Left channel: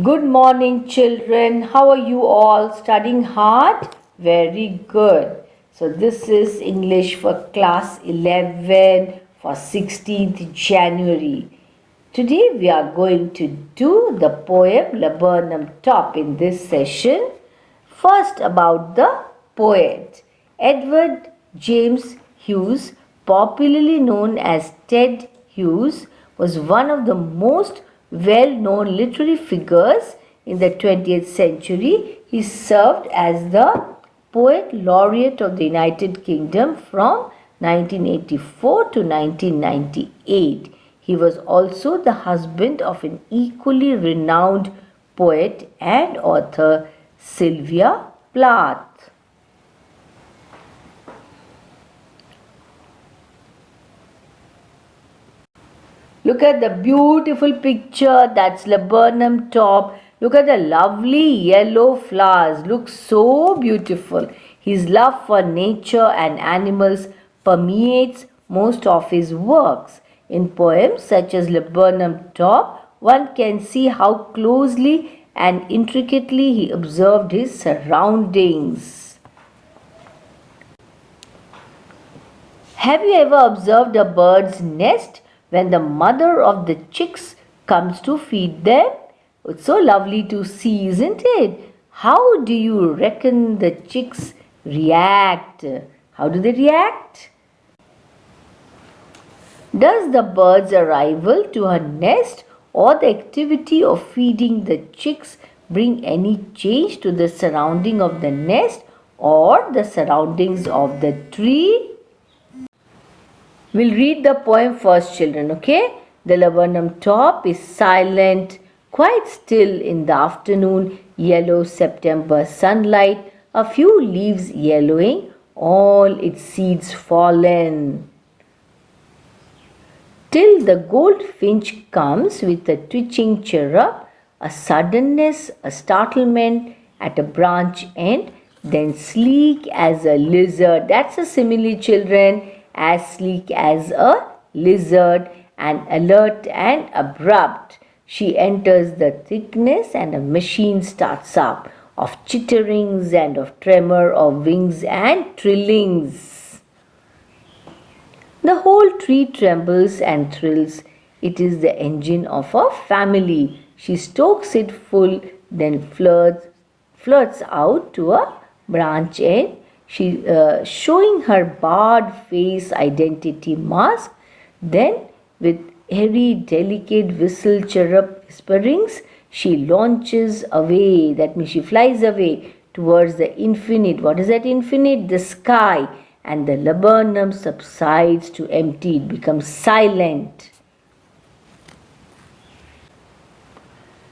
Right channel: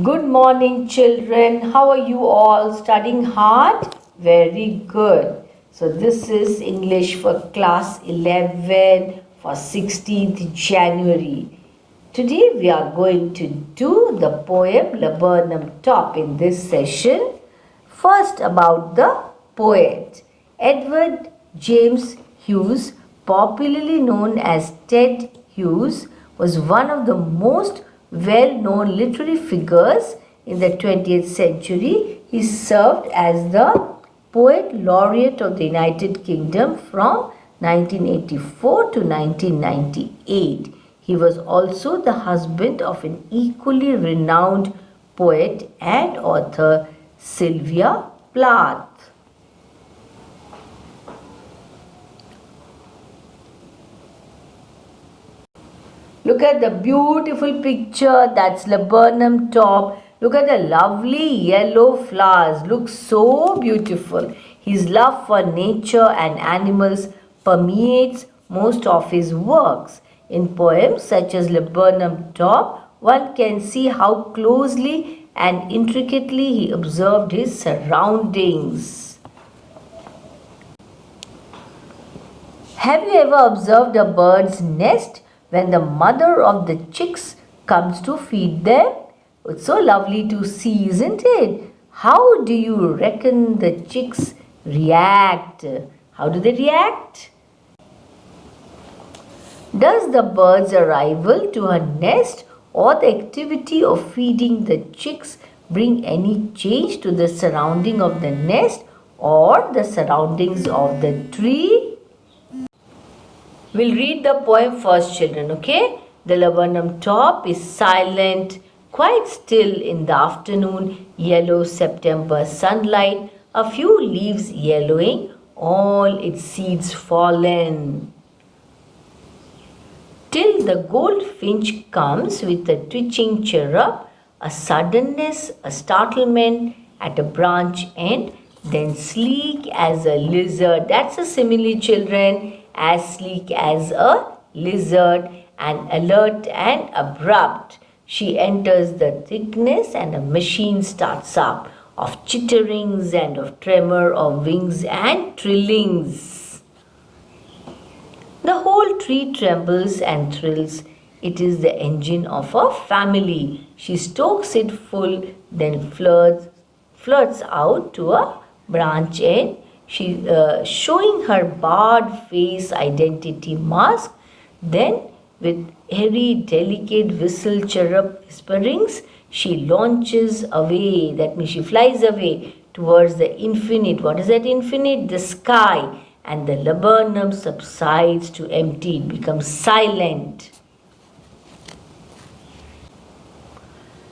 Good morning, children. How are you all? Studying hard? Very good. So, this is English for class 11 for 16th January. Today, we are going to do the poem Laburnum Top in this session. First, about the poet. Edward James Hughes, popularly known as Ted Hughes, was one of the most well-known literary figures in the 20th century. He served as the Poet Laureate of the United Kingdom from 1984 to 1998. He was also the husband of an equally renowned poet and author, Sylvia Plath. Look at the beautiful picture. That's laburnum top. Look at the lovely yellow flowers. Look so beautiful. His love for nature and animals permeates most of his works. In poems such as Laburnum Top, one can see how closely and intricately he observed his surroundings. Have you ever observed a bird's nest when the mother of the chicks comes to feed them? It's so lovely to see, isn't it? How do you reckon the chicks react? How do they react? Does the bird's arrival to her nest or the activity of feeding the chicks bring any change to the surrounding of the nest or the surroundings of the tree? We'll read the poem first, children, okay? The laburnum top is silent, quite still in the afternoon, yellow September sunlight, a few leaves yellowing, all its seeds fallen. Till the goldfinch comes with a twitching chirrup, a suddenness, a startlement at a branch end, then sleek as a lizard. That's a simile, children. As sleek as a lizard, and alert and abrupt. She enters the thickness and a machine starts up of chitterings and of tremor of wings and trillings. The whole tree trembles and thrills. It is the engine of a family. She stokes it full, then flirts out to a branch end. She showing her barred face identity mask. Then, with airy, delicate whistle chirrup whisperings, she launches away. That means she flies away towards the infinite. What is that infinite? The sky. And the laburnum subsides to empty. It becomes silent.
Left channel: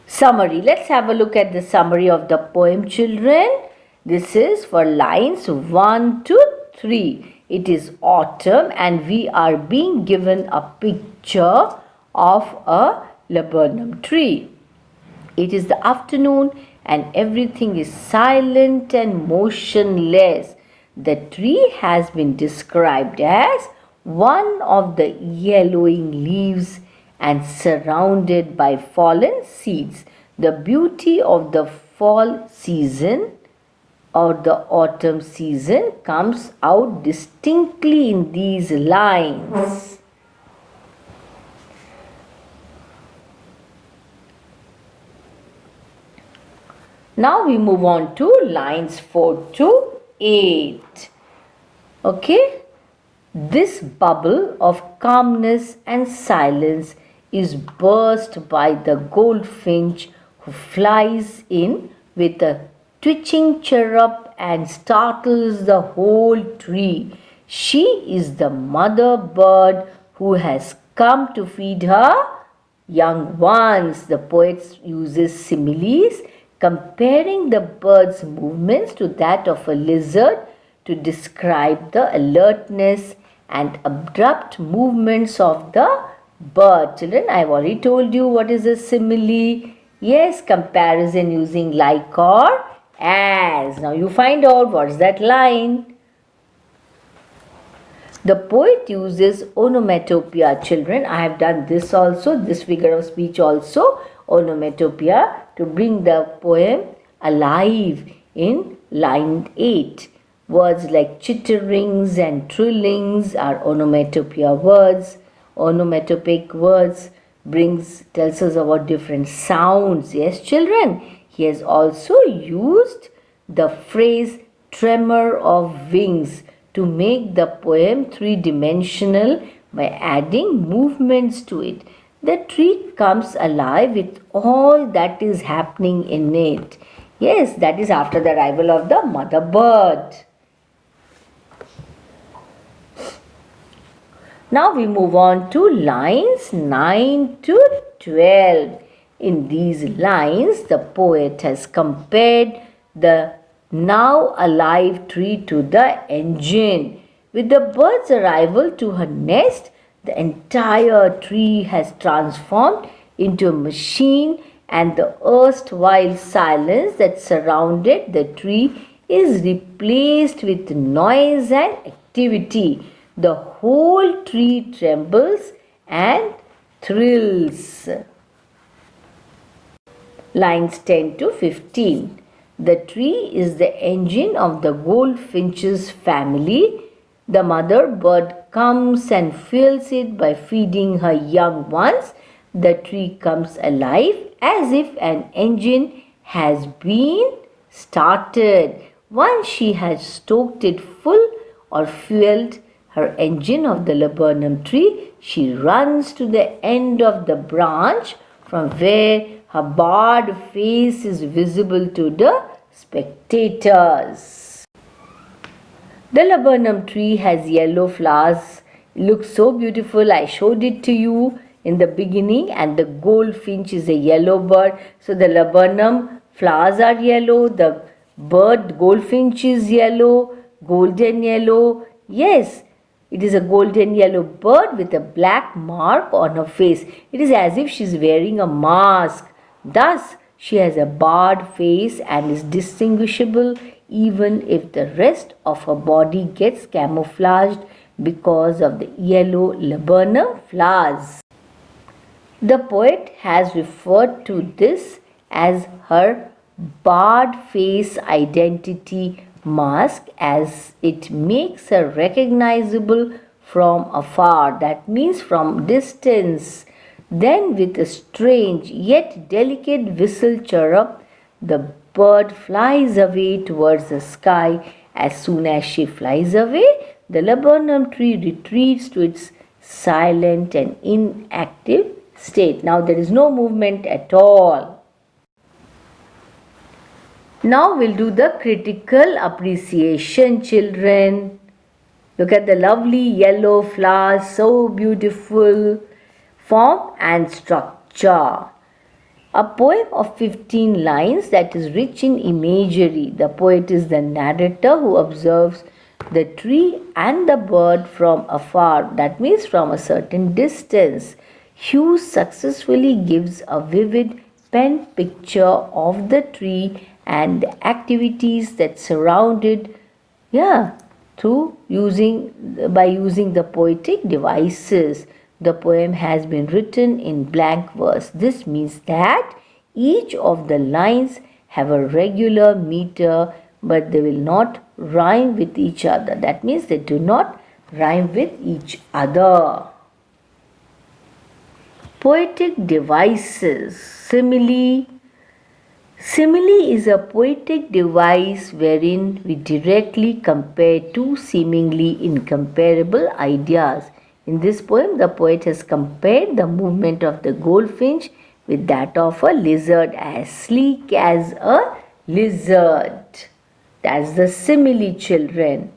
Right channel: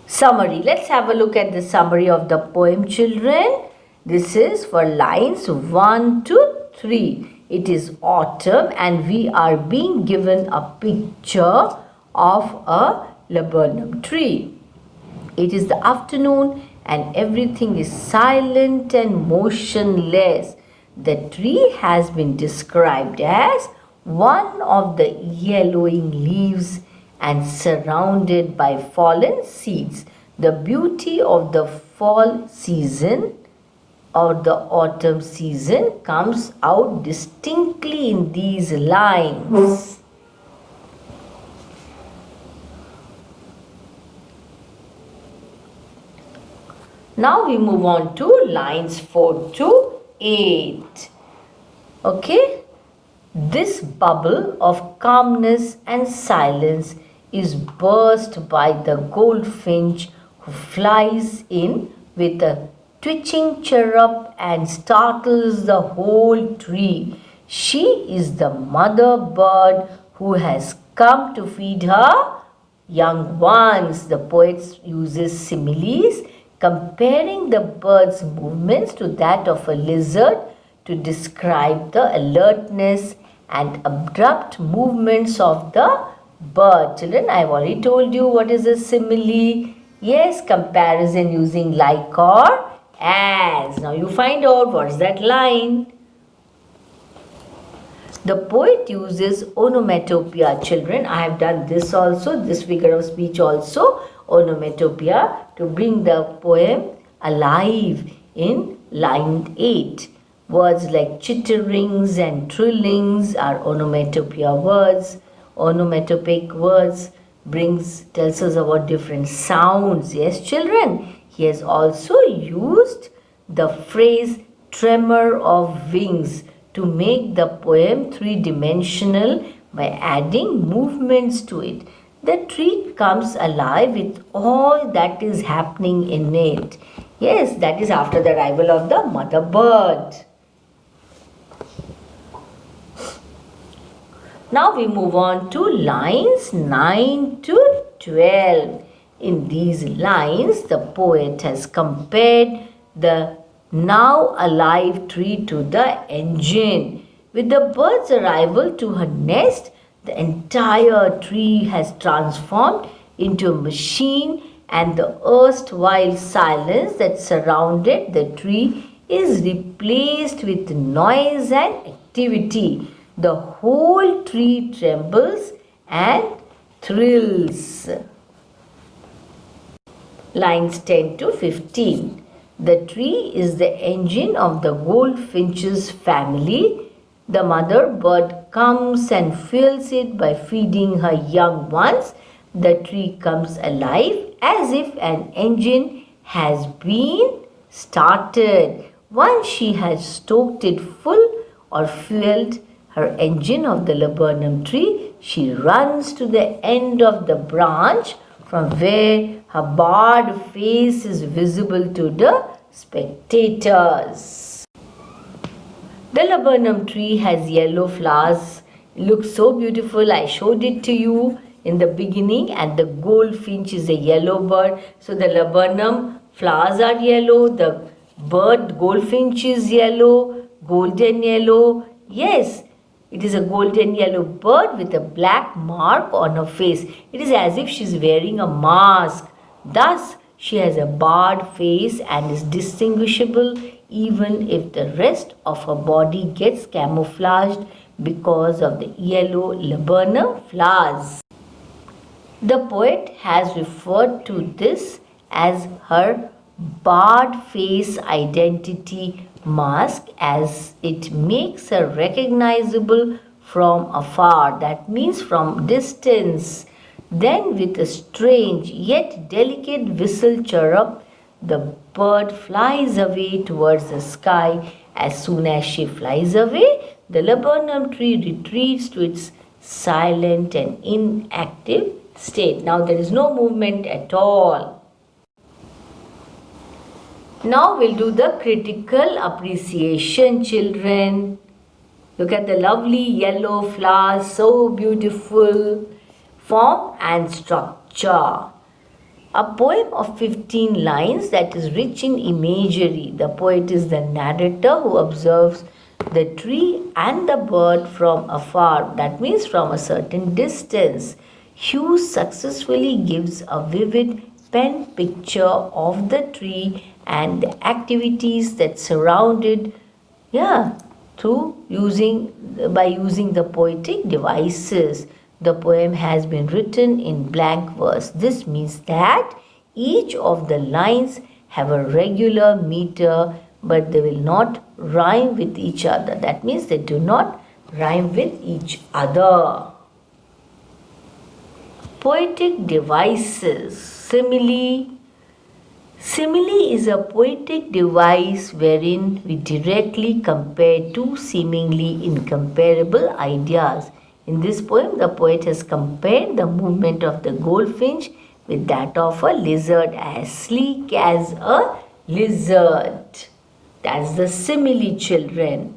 Summary. Let's have a look at the summary of the poem, children. This is for lines 1 to 3. It is autumn and we are being given a picture of a laburnum tree. It is the afternoon and everything is silent and motionless. The tree has been described as one of the yellowing leaves and surrounded by fallen seeds. The beauty of the fall season or the autumn season comes out distinctly in these lines. Now we move on to lines 4 to 8. Okay? This bubble of calmness and silence is burst by the goldfinch who flies in with a twitching chirrup and startles the whole tree. She is the mother bird who has come to feed her young ones. The poet uses similes, comparing the bird's movements to that of a lizard to describe the alertness and abrupt movements of the bird. Children, I have already told you what is a simile. Yes, comparison using like or as. Now you find out what is that line. The poet uses onomatopoeia, children. I have done this also, this figure of speech also. onomatopoeia to bring the poem alive in line 8. Words like chitterings and trillings are onomatopoeia words. Onomatopoeic words tells us about different sounds. Yes, children. He has also used the phrase tremor of wings to make the poem three-dimensional by adding movements to it. The tree comes alive with all that is happening in it. Yes, that is after the arrival of the mother bird. Now we move on to lines 9 to 12. In these lines, the poet has compared the now alive tree to the engine. With the bird's arrival to her nest, the entire tree has transformed into a machine, and the erstwhile silence that surrounded the tree is replaced with noise and activity. The whole tree trembles and thrills. Lines 10 to 15. The tree is the engine of the goldfinch's family. The mother bird comes and fuels it by feeding her young ones. The tree comes alive as if an engine has been started. Once she has stoked it full or fueled her engine of the laburnum tree, she runs to the end of the branch from where her barred face is visible to the spectators. The laburnum tree has yellow flowers. It looks so beautiful. I showed it to you in the beginning, and the goldfinch is a yellow bird. So the laburnum flowers are yellow. The bird goldfinch is yellow, golden yellow. Yes, it is a golden yellow bird with a black mark on her face. It is as if she is wearing a mask. Thus, she has a barred face and is distinguishable even if the rest of her body gets camouflaged because of the yellow laburnum flowers. The poet has referred to this as her barred face identity mask, as it makes her recognizable from afar, that means from distance. Then, with a strange yet delicate whistle chirrup, the bird flies away towards the sky. As soon as she flies away, the laburnum tree retreats to its silent and inactive state. Now there is no movement at all. Now we'll do the critical appreciation, children. Look at the lovely yellow flowers, so beautiful. Form and structure. A poem of 15 lines that is rich in imagery. The poet is the narrator who observes the tree and the bird from afar, that means from a certain distance. Hughes successfully gives a vivid pen picture of the tree and the activities that surround it, by using the poetic devices. The poem has been written in blank verse. This means that each of the lines have a regular meter, but they will not rhyme with each other. That means they do not rhyme with each other. Poetic devices. Simile. Simile is a poetic device wherein we directly compare two seemingly incomparable ideas. In this poem, the poet has compared the movement of the goldfinch with that of a lizard, as sleek as a lizard. That's the simile, children.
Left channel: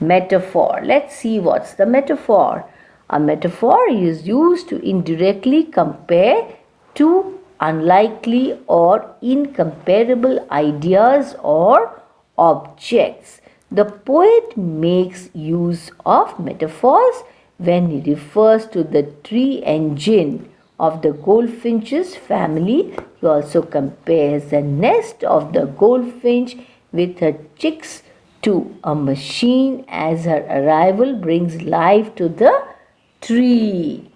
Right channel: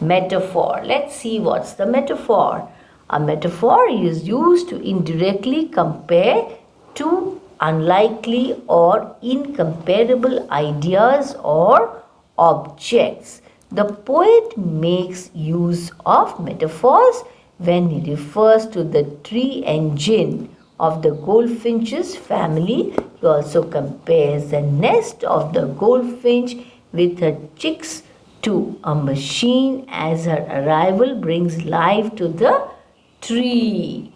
Metaphor. Let's see what's the metaphor. A metaphor is used to indirectly compare two unlikely or incomparable ideas or objects. The poet makes use of metaphors when he refers to the tree engine of the goldfinch's family. He also compares the nest of the goldfinch with her chicks to a machine, as her arrival brings life to the tree.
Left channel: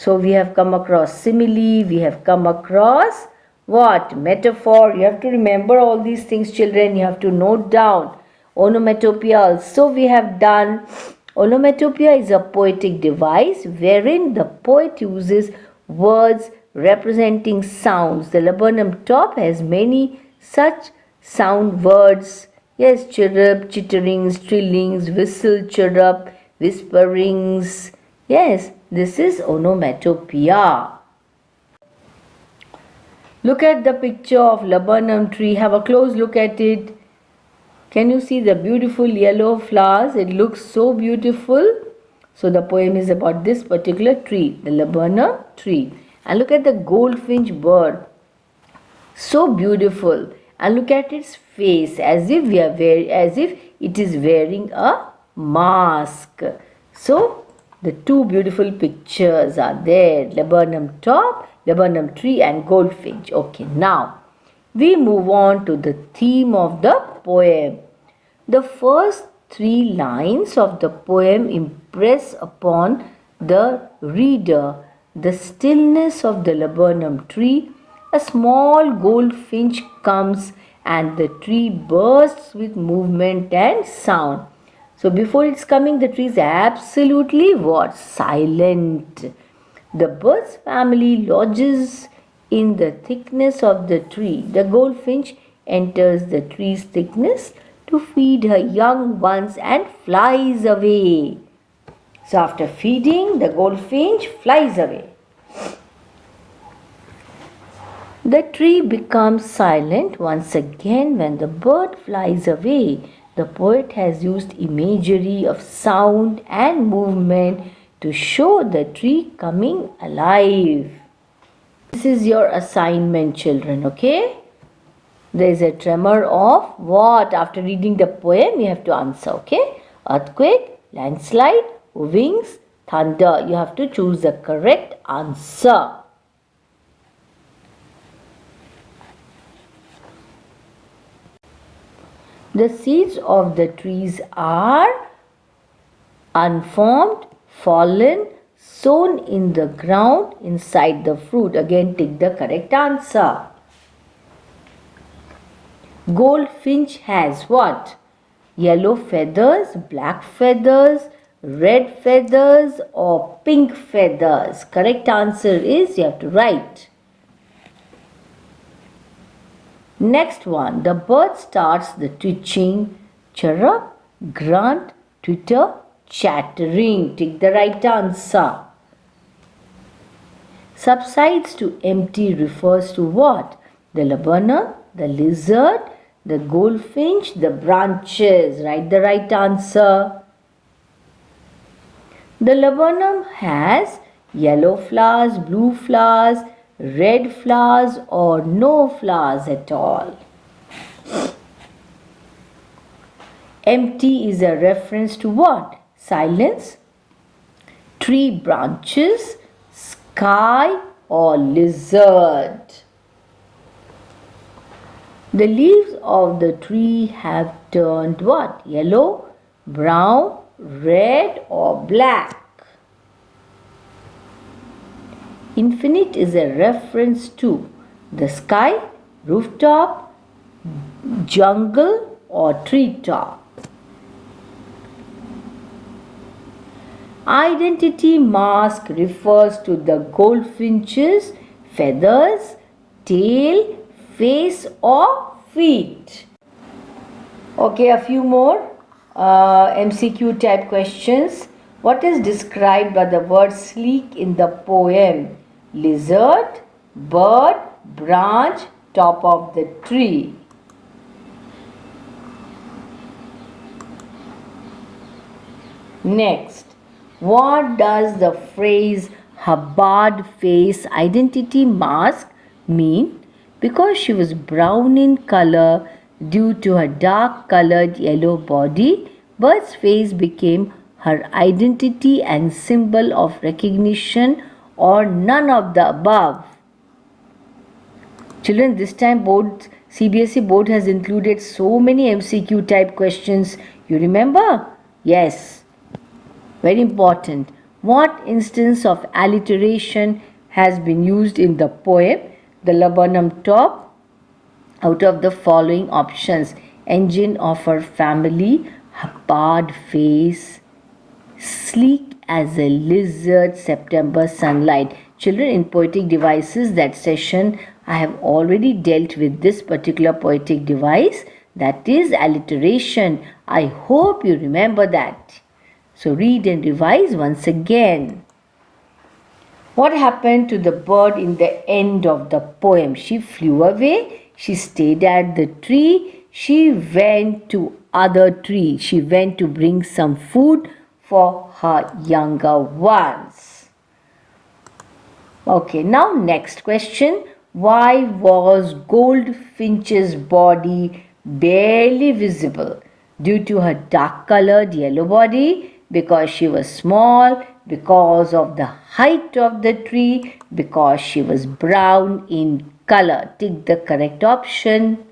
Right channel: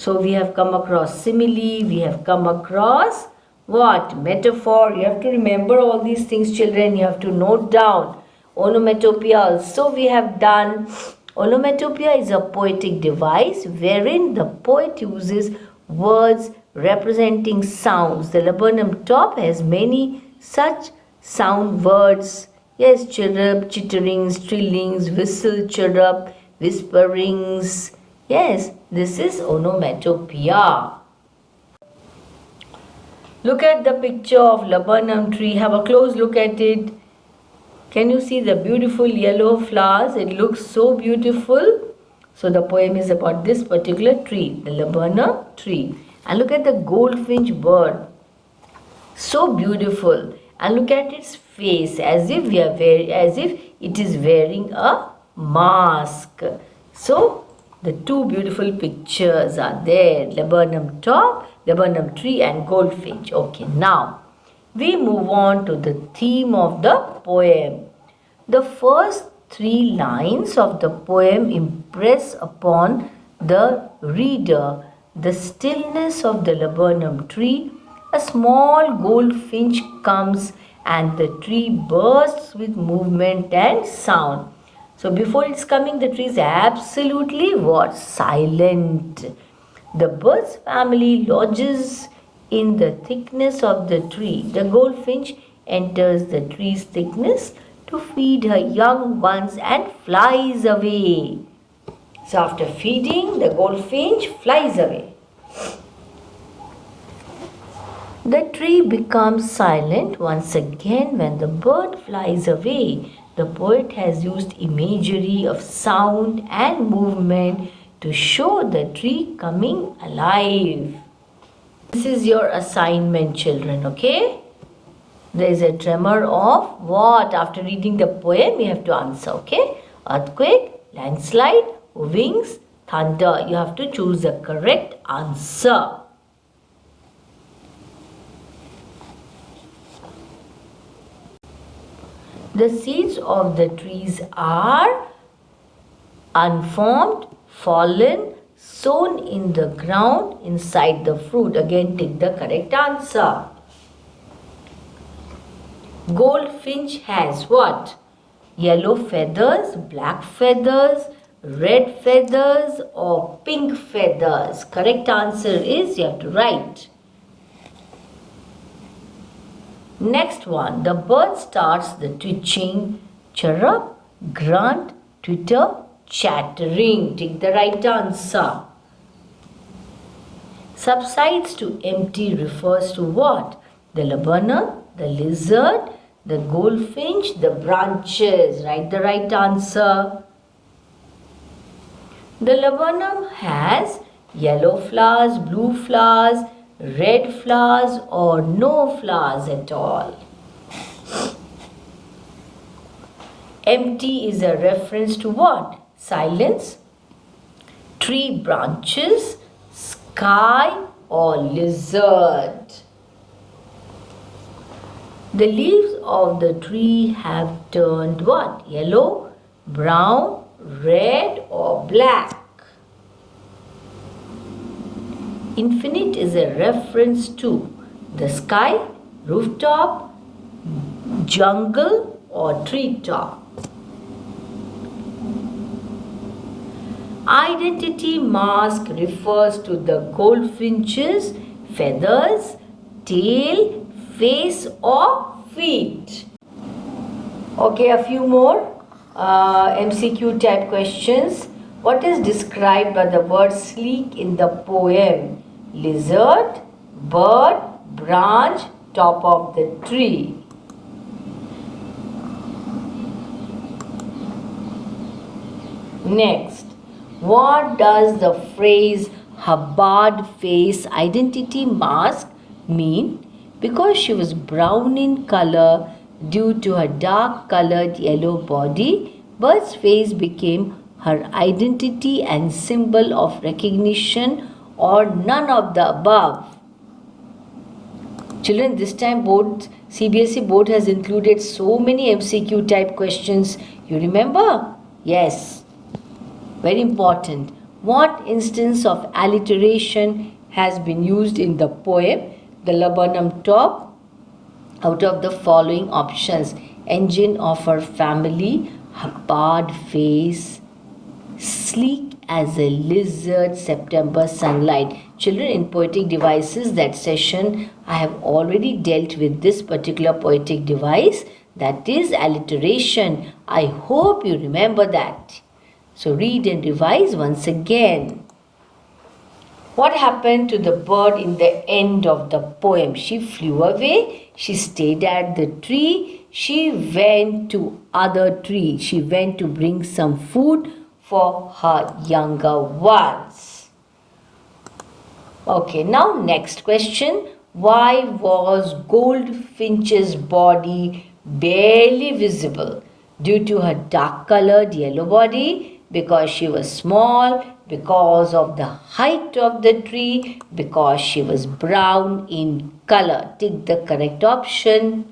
So we have come across simile, we have come across what? Metaphor. You have to remember all these things, children. You have to note down. Onomatopoeia also we have done. Onomatopoeia is a poetic device wherein the poet uses words representing sounds. The laburnum top has many such sound words. Yes, chirrup, chitterings, trillings, whistle, chirrup, whisperings. Yes, this is onomatopoeia. Look at the picture of laburnum tree. Have a close look at it. Can you see the beautiful yellow flowers? It looks so beautiful. So the poem is about this particular tree, the laburnum tree. And look at the goldfinch bird. So beautiful. And look at its face as if it is wearing a mask. So the two beautiful pictures are there. Laburnum top, laburnum tree and goldfinch. Okay, now we move on to the theme of the poem. The first 3 lines of the poem impress upon the reader the stillness of the laburnum tree. A small goldfinch comes and the tree bursts with movement and sound. So before it's coming, the tree is absolutely what? Silent. The bird's family lodges in the thickness of the tree. The goldfinch enters the tree's thickness to feed her young ones and flies away. So after feeding, the goldfinch flies away. The tree becomes silent once again when the bird flies away. The poet has used imagery of sound and movement to show the tree coming alive. This is your assignment, children, okay? There is a tremor of what? After reading the poem, you have to answer, okay? Earthquake, landslide, wings, thunder. You have to choose the correct answer. The seeds of the trees are unformed, fallen, sown in the ground inside the fruit. Again, take the correct answer. Goldfinch has what? Yellow feathers, black feathers, red feathers or pink feathers. Correct answer is you have to write. Next one, the bird starts the twitching, chirrup, grunt, twitter, chattering. Take the right answer. Subsides to empty refers to what? The laburnum, the lizard, the goldfinch, the branches. Write the right answer. The laburnum has yellow flowers, blue flowers, red flowers or no flowers at all. Empty is a reference to what? Silence, tree branches, sky or lizard. The leaves of the tree have turned what? Yellow, brown, red or black. Infinite is a reference to the sky, rooftop, jungle or treetop. Identity mask refers to the goldfinch's feathers, tail, face or feet. Okay, a few more MCQ type questions. What is described by the word sleek in the poem? Lizard, bird, branch, top of the tree. Next, what does the phrase Hubbard face identity mask mean? Because she was brown in color due to her dark colored yellow body, Bird's face became her identity and symbol of recognition or none of the above. Children, this time CBSE board has included so many MCQ type questions. You remember? Yes. Very important. What instance of alliteration has been used in the poem The Laburnum Top? Out of the following options, engine of her family, her barred face, sleek as a lizard, September sunlight. Children, in poetic devices, that session I have already dealt with this particular poetic device, that is alliteration. I hope you remember that. So read and revise once again. What happened to the bird in the end of the poem? She flew away. She stayed at the tree. She went to other tree. She went to bring some food for her younger ones. Okay, now next question. Why was Goldfinch's body barely visible? Due to her dark colored yellow body, because she was small, because of the height of the tree, because she was brown in color. Take the correct option.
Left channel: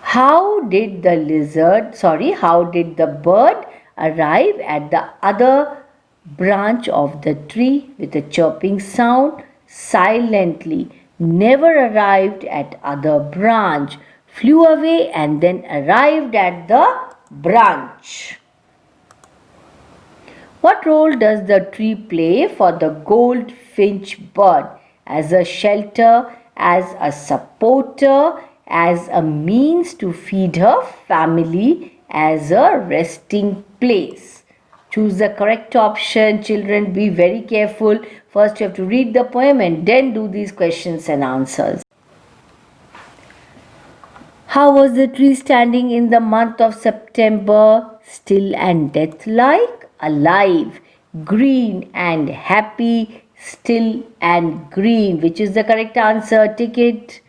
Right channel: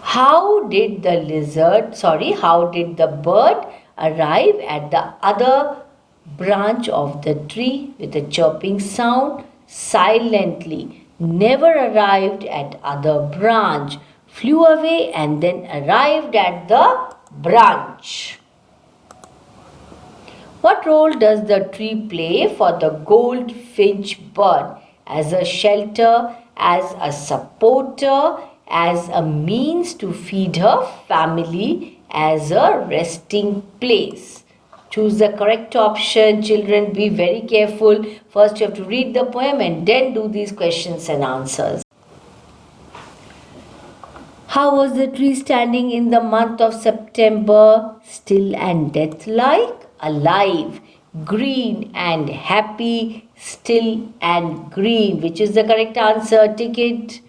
How did the bird arrive at the other branch of the tree with a chirping sound? Silently. Never arrived at other branch. Flew away and then arrived at the branch. What role does the tree play for the goldfinch bird? As a shelter, as a supporter, as a means to feed her family, as a resting place. Choose the correct option. Children, be very careful. First you have to read the poem and then do these questions and answers. How was the tree standing in the month of September? Still and death-like, alive, green and happy, still and green. Which is the correct answer? Take it.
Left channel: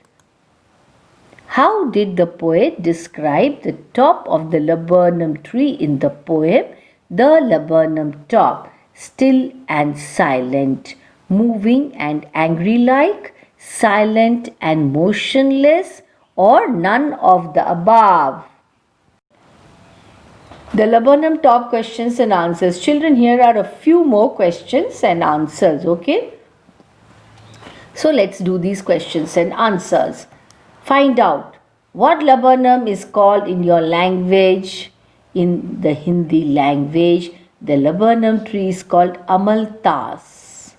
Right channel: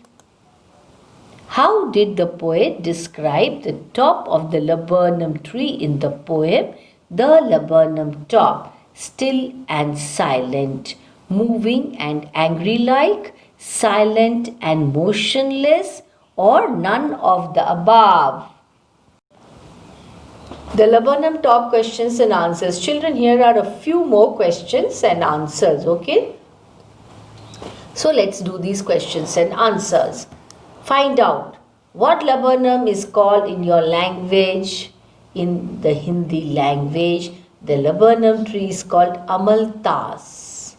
How did the poet describe the top of the laburnum tree in the poem The Laburnum Top? Still and silent, moving and angry-like, silent and motionless, or none of the above? The laburnum top questions and answers. Children, here are a few more questions and answers, okay? So let's do these questions and answers. Find out what laburnum is called in your language. In the Hindi language, the laburnum tree is called amaltas.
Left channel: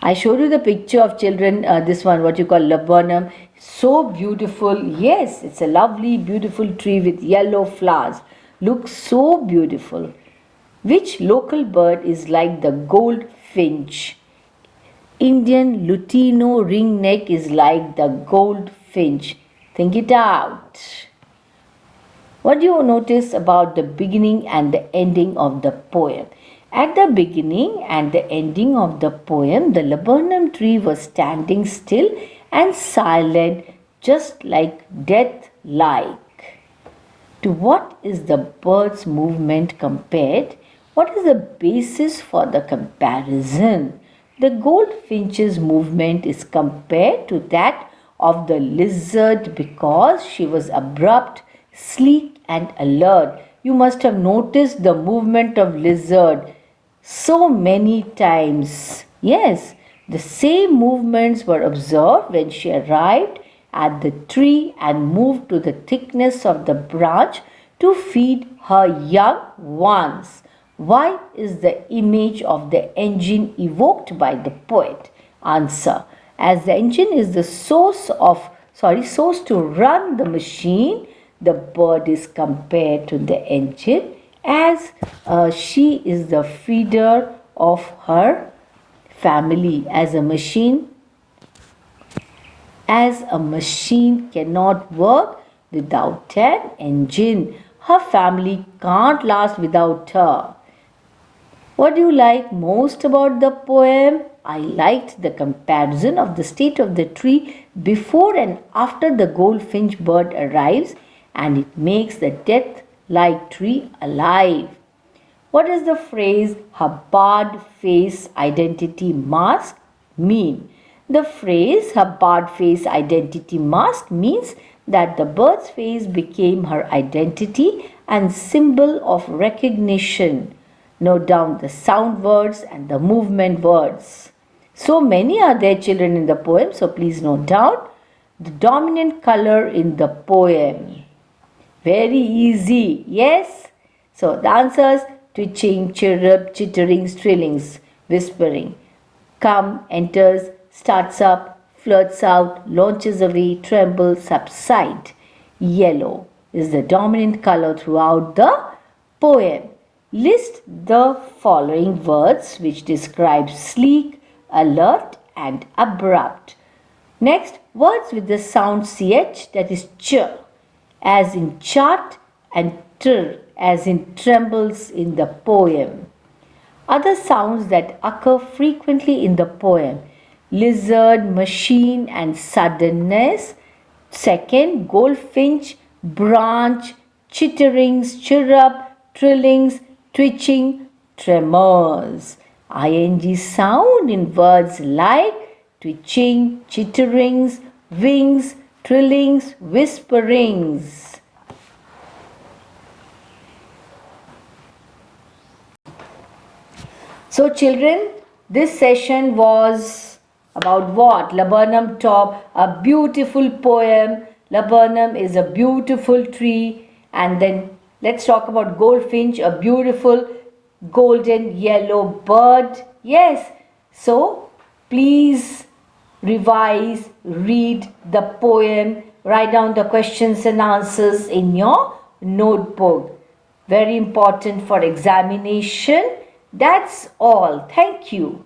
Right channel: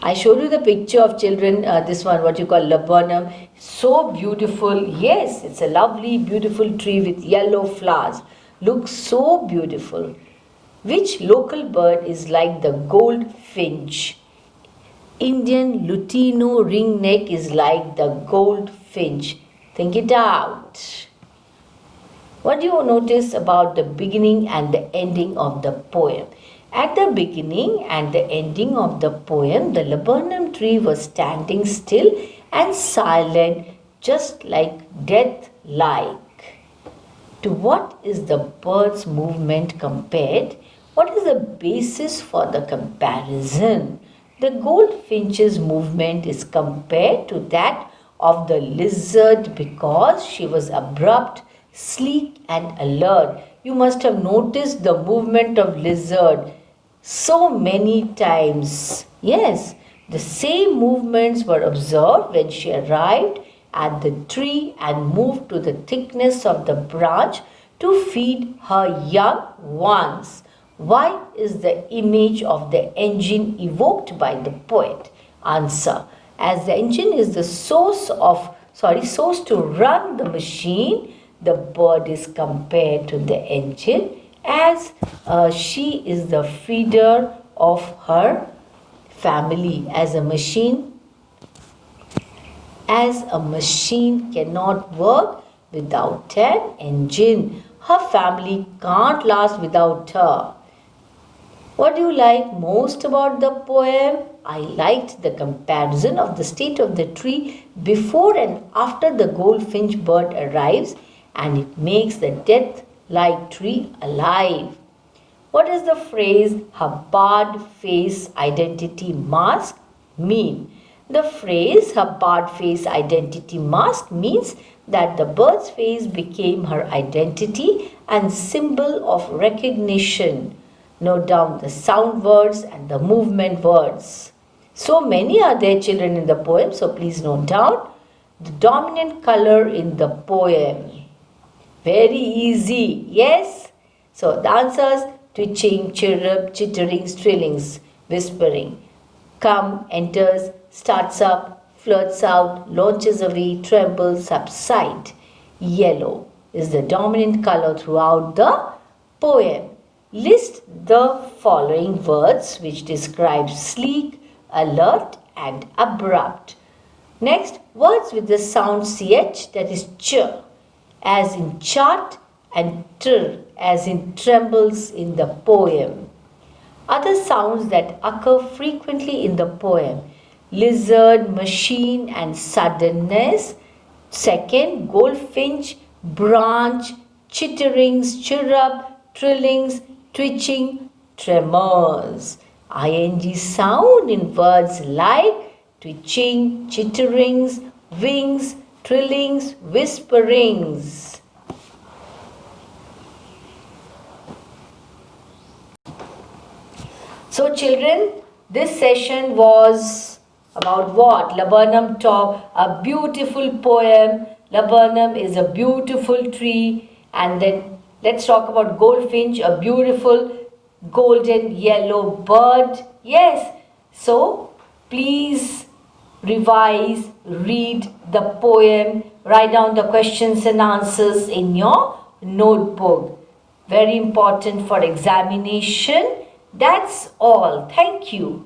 I showed you the picture of children, this one, what you call laburnum. So beautiful. Yes, it's a lovely, beautiful tree with yellow flowers. Looks so beautiful. Which local bird is like the goldfinch? Indian Lutino ringneck is like the goldfinch. Think it out. What do you notice about the beginning and the ending of the poem? At the beginning and the ending of the poem, the laburnum tree was standing still and silent, just like death-like. To what is the bird's movement compared? What is the basis for the comparison? The goldfinch's movement is compared to that of the lizard because she was abrupt, sleek and alert. You must have noticed the movement of lizard so many times. Yes, the same movements were observed when she arrived at the tree and moved to the thickness of the branch to feed her young ones. Why is the image of the engine evoked by the poet? Answer. As the engine is the source to run the machine, the bird is compared to the engine as she is the feeder of her family. As a machine cannot work without an engine. Her family can't last without her. What do you like most about the poem? I liked the comparison of the state of the tree before and after the goldfinch bird arrives, and it makes the death-like tree alive. What does the phrase "her barred face identity mask" mean? The phrase "her barred face identity mask" means that the bird's face became her identity and symbol of recognition. Note down the sound words and the movement words. So many are there, children, in the poem, so please note down the dominant color in the poem. Very easy, yes? So the answers: twitching, chirrup, chittering, trillings, whispering. Come, enters, starts up, flirts out, launches away, trembles, subside. Yellow is the dominant color throughout the poem. List the following words which describe sleek, alert and abrupt. Next, words with the sound ch, that is ch, as in chart, and tr, as in trembles in the poem. Other sounds that occur frequently in the poem: lizard, machine and suddenness. Second, goldfinch, branch, chitterings, chirrup, trillings, twitching, tremors. Ing sound in words like twitching, chitterings, wings, trillings, whisperings. So children, this session was about what? Laburnum Top, a beautiful poem. Laburnum is a beautiful tree. And then let's talk about goldfinch, a beautiful golden yellow bird. Yes, so please revise, read the poem, write down the questions and answers in your notebook. Very important for examination. That's all. Thank you.